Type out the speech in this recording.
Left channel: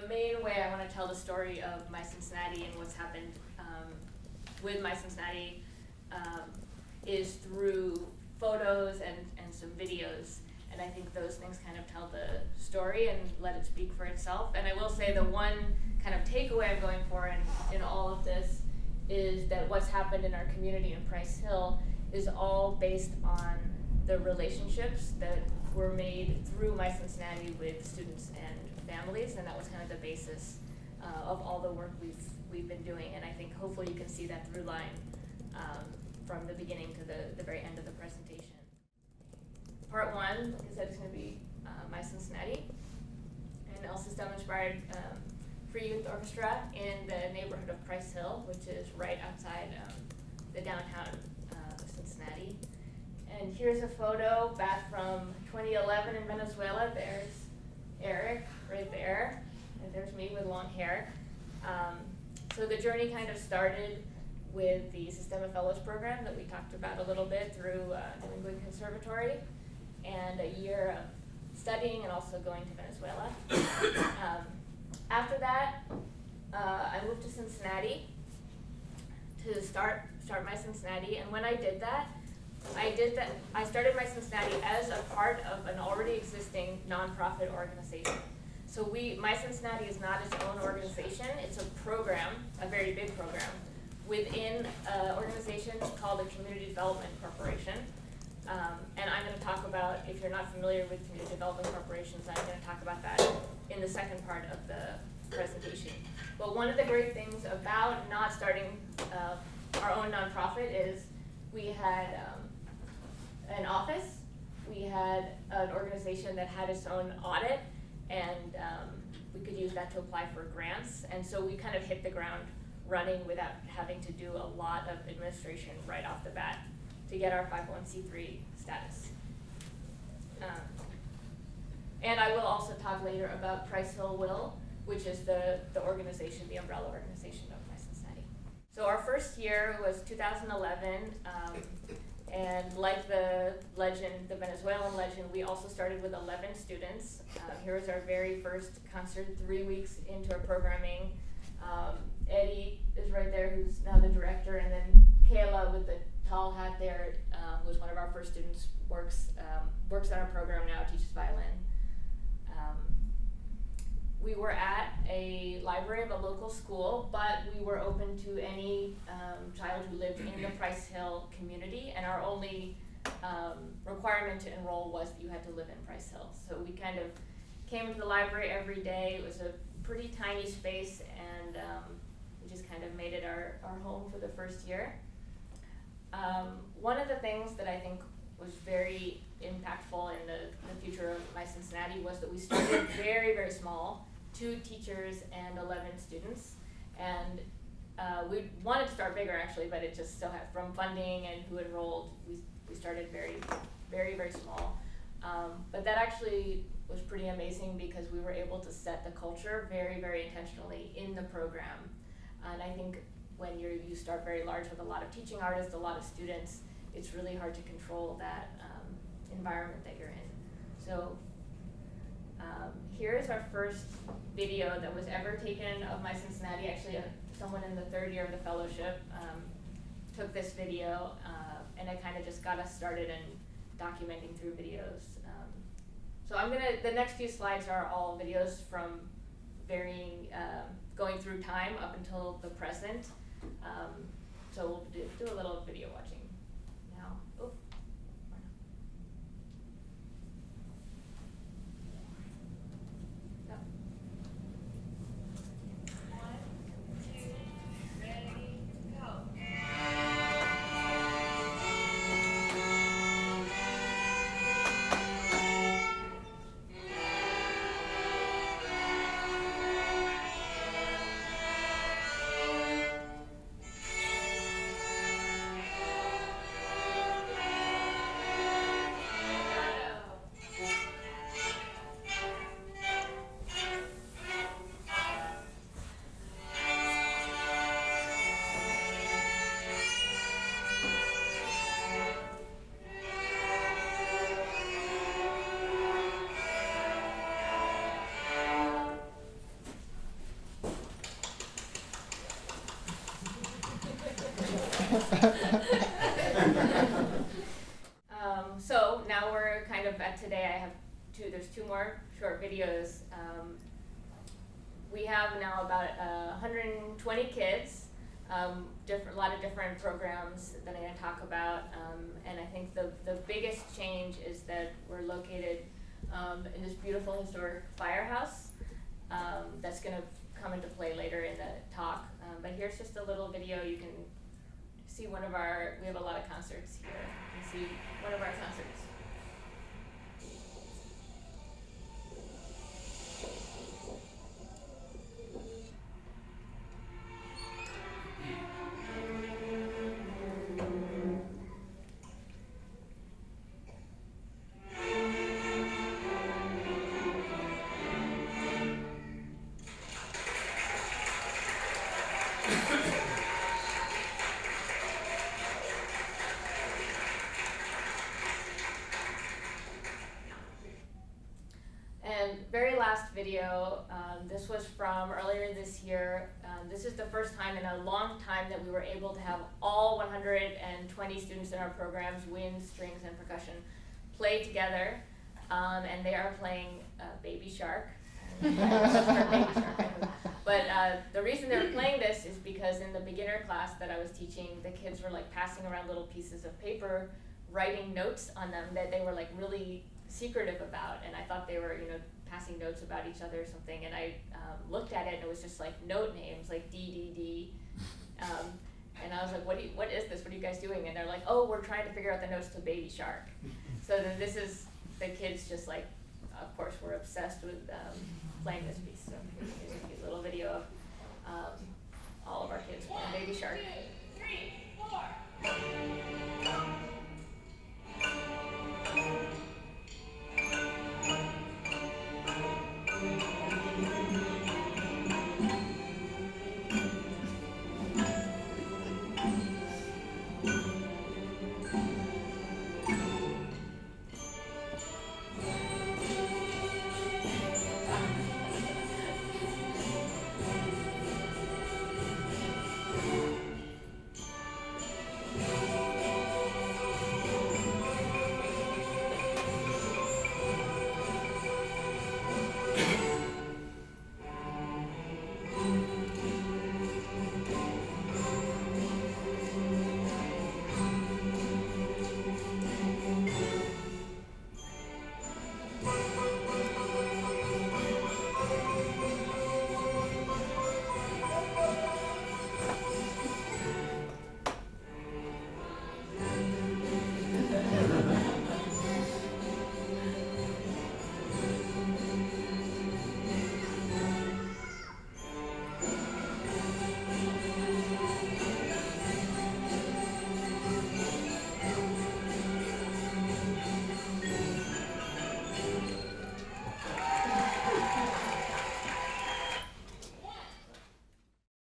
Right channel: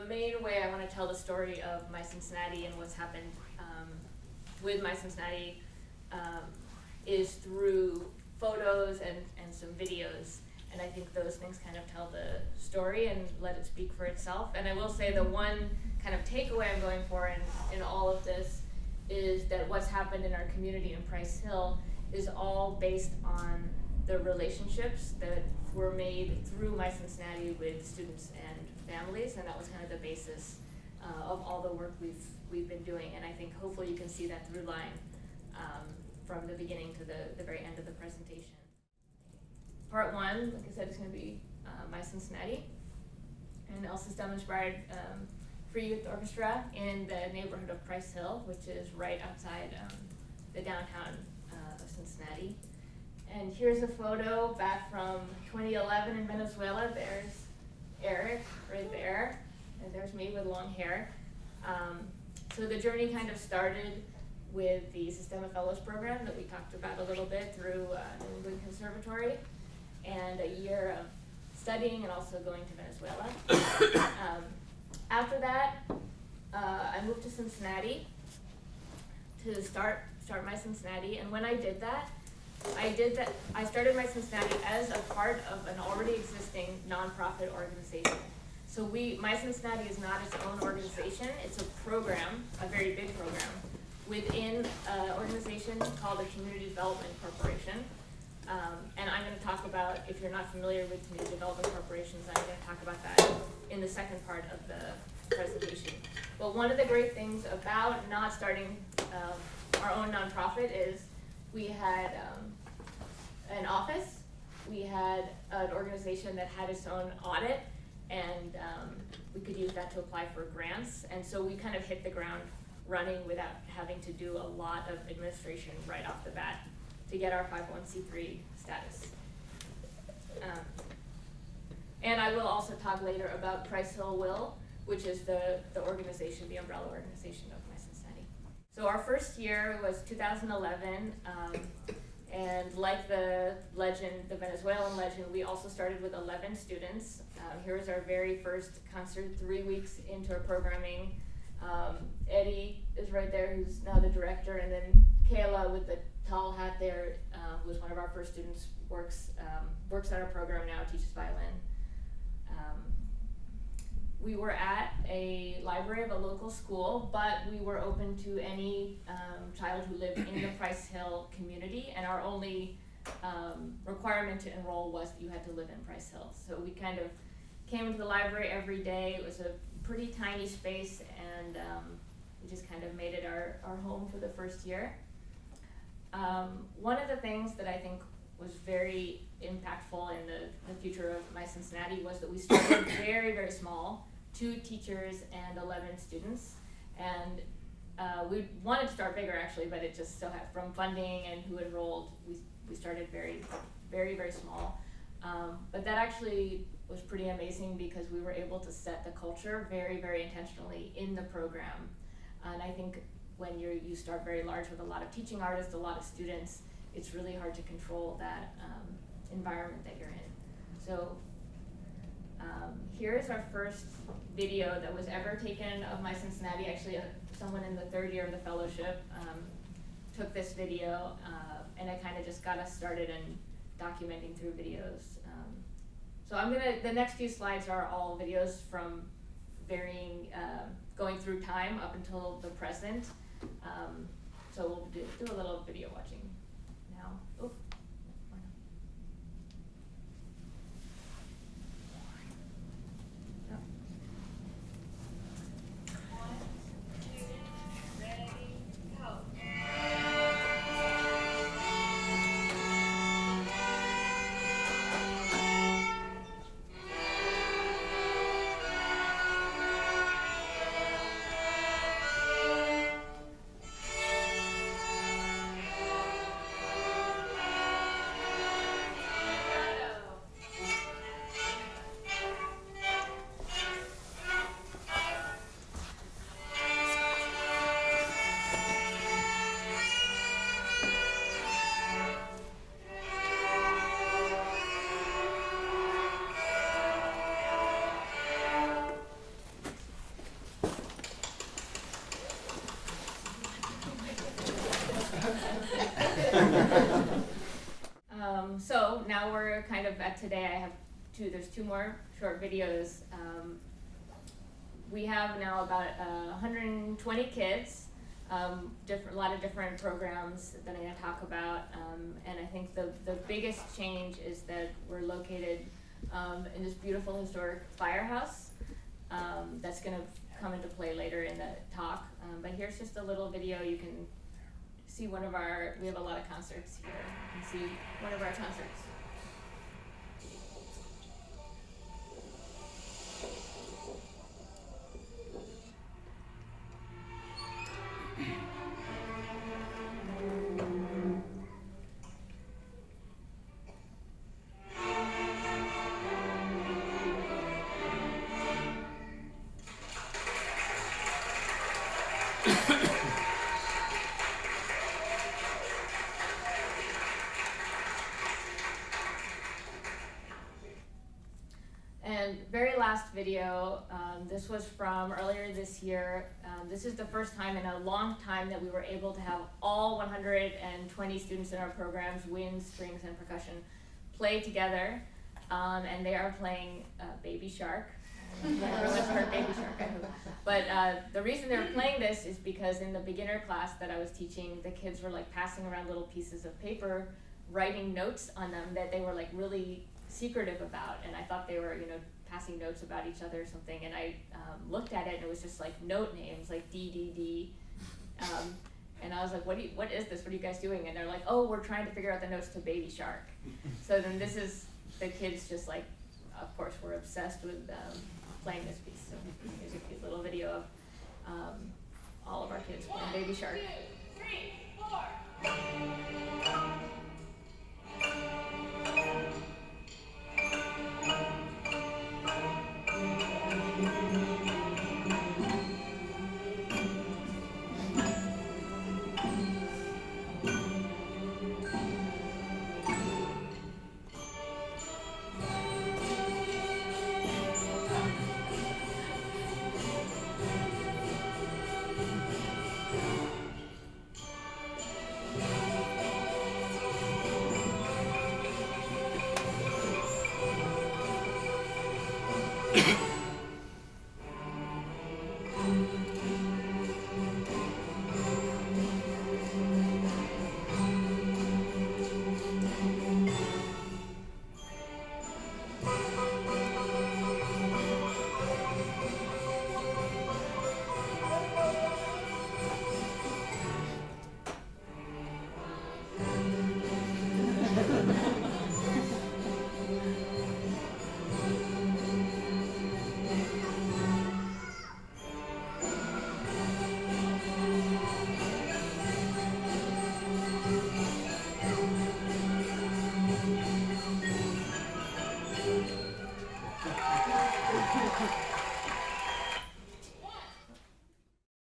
the main way I want to tell the story of MYCincinnati and what's happened with MYCincinnati is through photos and some videos. And I think those things kind of tell the story and let it speak for itself. And I will say the one kind of takeaway I'm going for in all of this is that what's happened in our community in Price Hill is all based on the relationships that were made through MYCincinnati with students and families, and that was kind of the basis of all the work we've been doing. And I think hopefully you can see that through line from the beginning to the very end of the presentation. Part one, like I said, is going to be MYCincinnati, and El Sistema inspired free youth orchestra in the neighborhood of Price Hill, which is right outside the downtown of Cincinnati. And here's a photo back from 2011 in Venezuela. There's Eric right there, and there's me with long hair. So the journey kind of started with the Sistema Fellows Program that we talked about a little bit through New England Conservatory, and a year of studying and also going to Venezuela. After that, I moved to Cincinnati to start MYCincinnati, and when I did that, I started MYCincinnati as a part of an already existing nonprofit organization. So MYCincinnati is not its own organization, it's a program, a very big program, within an organization called the Community Development Corporation. And I'm going to talk about, if you're not familiar with community development corporations, I'm going to talk about that in the second part of the presentation. But one of the great things about not starting our own nonprofit is we had an office, we had an organization that had its own audit, and we could use that to apply for grants. And so we kind of hit the ground running without having to do a lot of administration right off the bat to get our 501c3 status. And I will also talk later about Price Hill Will, which is the organization, the umbrella organization of MYCincinnati. So our first year was 2011, and like the legend, the Venezuelan legend, we also started with 11 students. Here was our very first concert 3 weeks into our programming. Eddie is right there, who's now the director, and then Kayla with the tall hat there, who was one of our first students, works on our program now, teaches violin. We were at a library of a local school, but we were open to any child who lived in the Price Hill community, and our only requirement to enroll was that you had to live in Price Hill. So we kind of came to the library every day. It was a pretty tiny space, and we just kind of made it our home for the first year. One of the things that I think was very impactful in the future of MYCincinnati was that we started very, very small, 2 teachers and 11 students. And we wanted to start bigger actually, but it just so had, from funding and who enrolled, we started very, very, very small. But that actually was pretty amazing because we were able to set the culture very, very intentionally in the program. And I think when you start very large with a lot of teaching artists, a lot of students, it's really hard to control that environment that you're in. So here is our first video that was ever taken of MYCincinnati. Actually, someone in the 3rd year of the fellowship took this video, and it kind of just got us started in documenting through videos. So the next few slides are all videos from varying, going through time up until the present. So we'll do a little video watching now. Oh. So now we're kind of at today. I have there's two more short videos. We have now about 120 kids, a lot of different programs that I'm going to talk about, and I think the biggest change is that we're located in this beautiful historic firehouse that's going to come into play later in the talk. But here's just a little video. You can see we have a lot of concerts here. You can see one of our concerts. And very last video, this was from earlier this year. This is the first time in a long time that we were able to have all 120 students in our programs, wind, strings, and percussion, play together. And they are playing Baby Shark. Everyone's heard Baby Shark, I hope. But the reason they were playing this is because in the beginner class that I was teaching, the kids were like passing around little pieces of paper, writing notes on them that they were like really secretive about, and I thought they were, passing notes about each other or something, and I looked at it and it was just like note names, like DDD, and I was like, what is this? What are you guys doing? And they're like, oh, we're trying to figure out the notes to Baby Shark. So then this is the kids just like, of course, we're obsessed with playing this piece. So here's a cute little video of all of our kids playing Baby Shark. 2, 3, 4.